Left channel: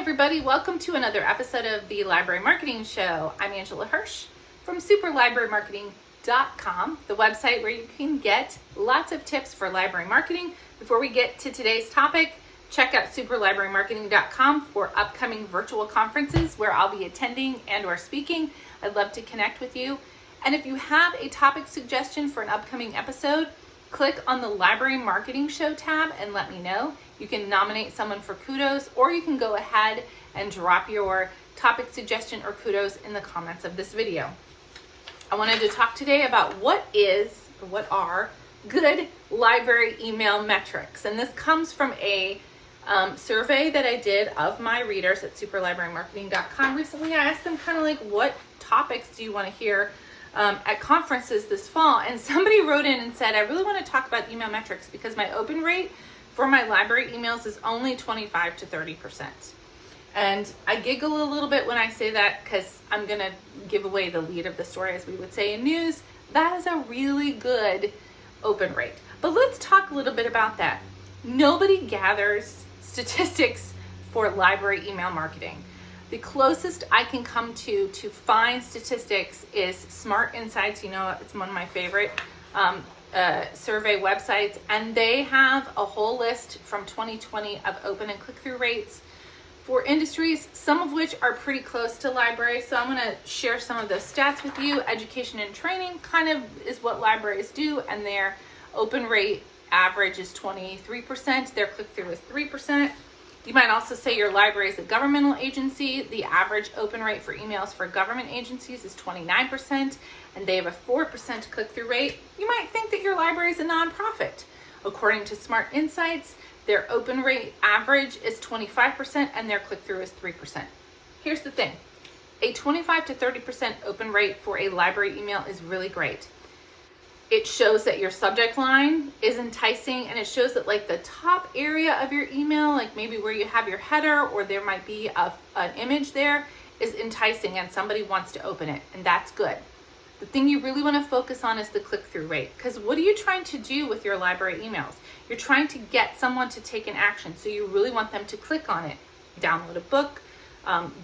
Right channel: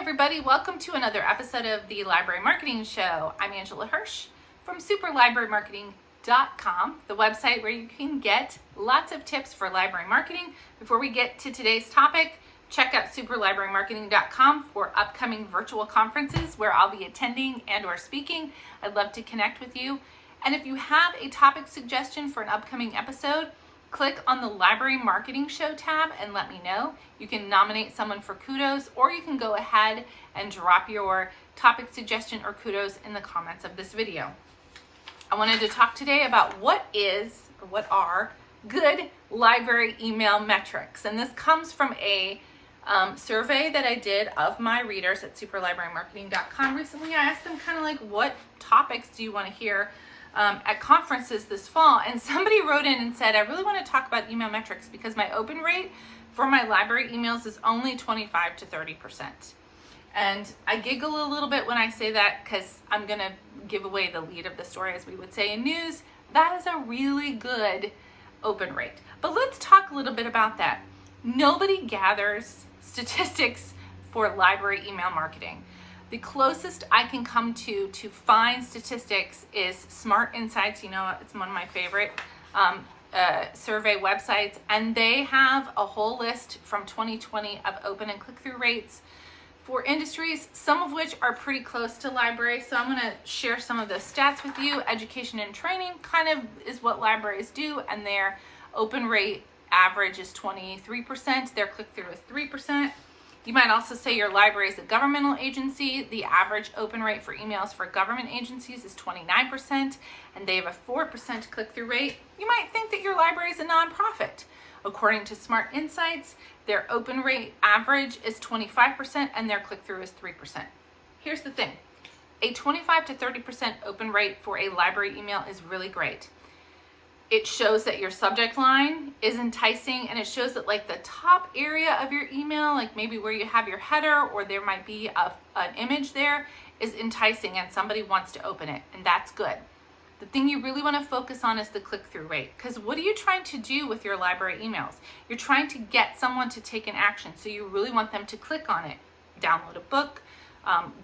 everybody, welcome to another episode of the Library Marketing Show. I'm Angela Hursh from superlibrarymarketing.com, the website where you can get lots of tips for library marketing. Before we get to today's topic, check out superlibrarymarketing.com for upcoming virtual conferences where I'll be attending and or speaking. I'd love to connect with you. And if you have a topic suggestion for an upcoming episode, click on the Library Marketing Show tab and let me know. You can nominate someone for Kudos, or you can go ahead and drop your topic suggestion or Kudos in the comments of this video. I wanted to talk today about what are good library email metrics. And this comes from a survey that I did of my readers at superlibrarymarketing.com recently. I asked them kind of like, what topics do you want to hear at conferences this fall? And somebody wrote in and said, I really want to talk about email metrics because my open rate for my library emails is only 25 to 30%. And I giggle a little bit when I say that because I'm going to give away the lead of the story, as we would say in news. That is a really good open rate. But let's talk a little bit about that. Nobody gathers statistics for library email marketing. The closest I can come to find statistics is Smart Insights. You know, it's one of my favorite survey websites, and they have a whole list from 2020 of open and click-through rates for industries, some of which are pretty close to library. So I'm going to share some of those stats with you. Education and training kind of is what libraries do, and their open rate average is 23%. Their click-through is 3%. You might also say your library is a governmental agency. The average open rate for emails for government agencies is 29%, and they have a 4% click-through rate. You might think that your library is a nonprofit. According to Smart Insights, their open rate average is 25%, and their click-through is 3%. Here's the thing. A 25 to 30% open rate for a library email is really great. It shows that your subject line is enticing, and it shows that like the top area of your email, like maybe where you have your header or there might be an image there, is enticing and somebody wants to open it, and that's good. The thing you really want to focus on is the click-through rate, because what are you trying to do with your library emails? You're trying to get someone to take an action, so you really want them to click on it, download a book,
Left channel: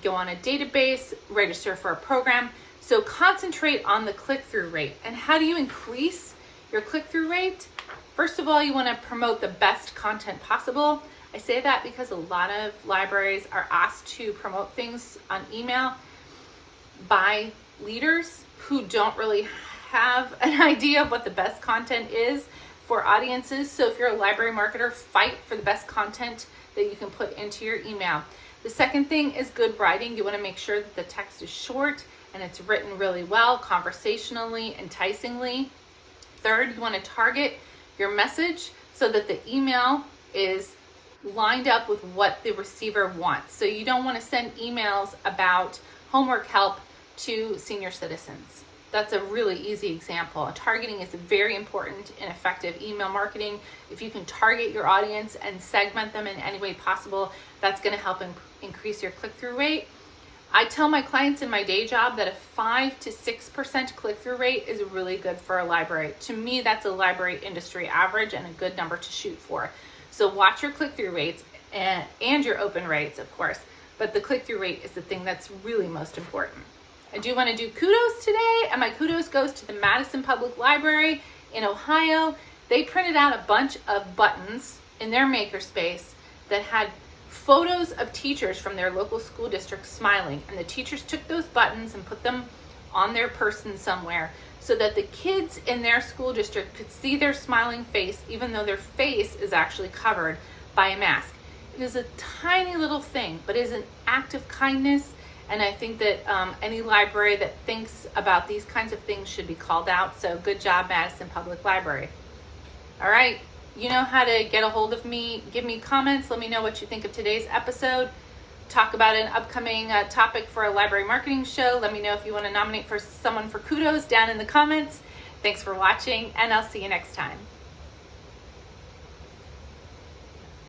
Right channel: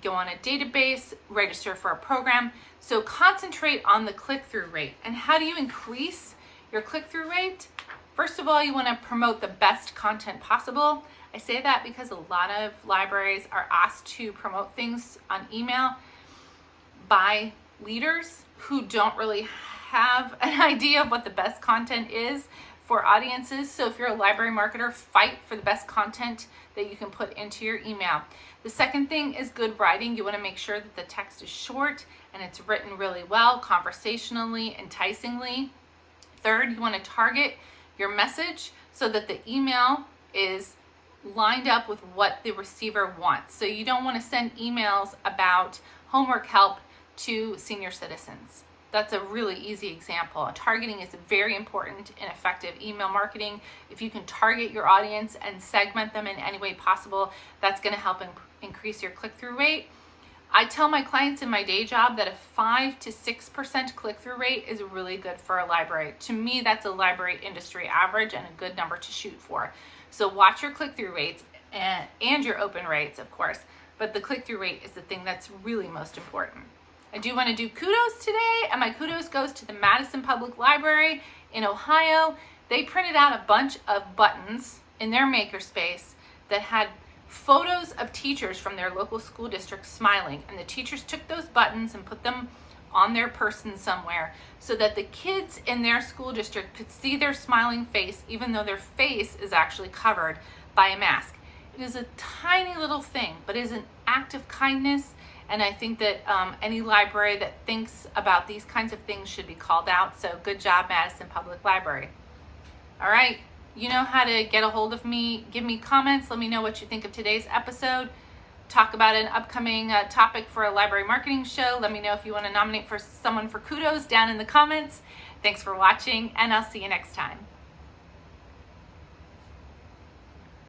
go on a database, register for a program. So concentrate on the click-through rate. And how do you increase your click-through rate? First of all, you want to promote the best content possible. I say that because a lot of libraries are asked to promote things on email by leaders who don't really have an idea of what the best content is for audiences. So if you're a library marketer, fight for the best content that you can put into your email. The second thing is good writing. You want to make sure that the text is short and it's written really well, conversationally, enticingly. Third, you want to target your message so that the email is lined up with what the receiver wants. So you don't want to send emails about homework help to senior citizens. That's a really easy example. Targeting is very important in effective email marketing. If you can target your audience and segment them in any way possible, that's going to help increase your click-through rate. I tell my clients in my day job that a 5 to 6% click-through rate is really good for a library. To me, that's a library industry average and a good number to shoot for. So watch your click-through rates and your open rates, of course, but the click-through rate is the thing that's really most important. I do want to do kudos today, and my kudos goes to the Madison Public Library in Ohio. They printed out a bunch of buttons in their makerspace that had photos of teachers from their local school district smiling, and the teachers took those buttons and put them on their person somewhere so that the kids in their school district could see their smiling face even though their face is actually covered by a mask. It is a tiny little thing, but it is an act of kindness, and I think that any library that thinks about these kinds of things should be called out. So good job, Madison Public Library. All right. You know how to get a hold of me. Give me comments. Let me know what you think of today's episode. Talk about an upcoming topic for a library marketing show. Let me know if you want to nominate for someone for Kudos down in the comments. Thanks for watching, and I'll see you next time.